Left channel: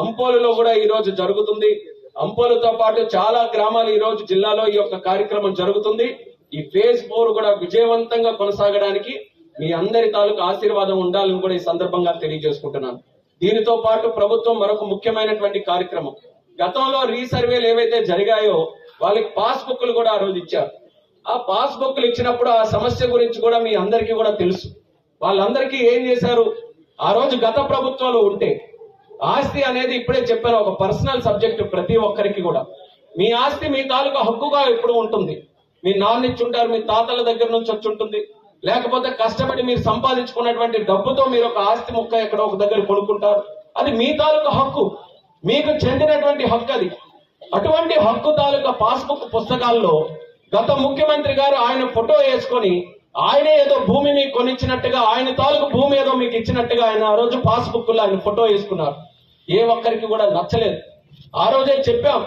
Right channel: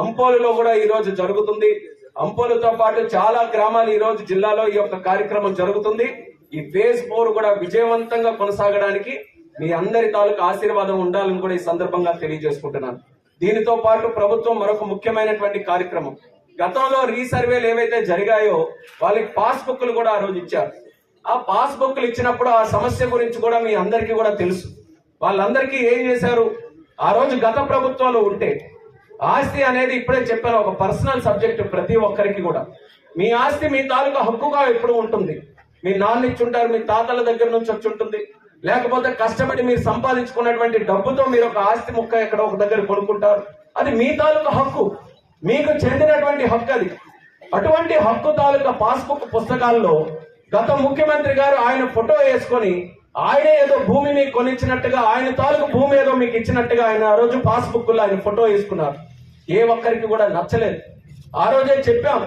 అంపోలులో కూడా ఈ రోజు జరుగుతుంది. అంపోలుతో పాటు చాలా గ్రామాలు ఈ రోజు జిల్లాలో ఈ యొక్క కార్యక్రమం జరుగుతుంది. ఈ ఫేజ్ 4 కూడా విజయవంతంగా కొనసాగడానికి మీ అందరి తాలూకు ఆశీర్వాదం ఉండాలని కూడా ఈ సందర్భంగా తెలియజేసుకుంటున్నాను. దీనితో పాటు ప్రభుత్వం మరొక ముఖ్యమైనటువంటి కార్యక్రమం, గతంలో రీసర్వేలు ఏవైతే జరిగాయో వాళ్ళకి పాస్బుక్లు కూడా ఆ రోజు ఇచ్చారు. ఆ పాస్బుక్లు ఇచ్చినప్పుడు ఆ సమస్య గురించి కూడా మీ అందరికీ కూడా తెలుసు. వాళ్ళందరికీ ఏం చేశారు, ఆ రోజు గత ప్రభుత్వాలు ఉంటే ఆస్తి అనేది ఇప్పుడే చెప్పాను, ఒక పర్సనల్ సబ్జెక్ట్ ప్రతి ఒక్కరికి కూడా. మీ ఆస్తి మీ తాలూకా హక్కుగా ఎప్పుడు ఉంటుంది. మీ నాన్న ఇచ్చుంటారు, మీ తాతల దగ్గర నుంచి వచ్చి ఉంటుంది, లేకపోతే కష్టపడి మీరు సంపాదించుకున్నటువంటి డబ్బుతో మీరు ఒక ఆస్తి ముక్క ఎక్కడ ఒక దగ్గర కొనుక్కుంటారు. అది మీ తాలూకా హక్కు, మీకు చెందినటువంటి హక్కు అది. అటువంటి హక్కు తాలూకా పాస్బుక్ పుస్తకాల్లో గత ముఖ్యమంత్రి గారు ఆయన ఫోటో వేసుకొని ఆయనే ఏదో భూమి మీకు కొనిచ్చినట్టుగా, ఆయన తాలూకు భూమి ఏదో మీకు ఇచ్చినట్టుగా ఆయన ఆ రోజు పాస్బుక్ లో ఆయన ఫోటో వేసుకున్నారు. ఏ ఒక్కరికి కూడా నచ్చలేదు. ఆ రోజే చెప్పాం,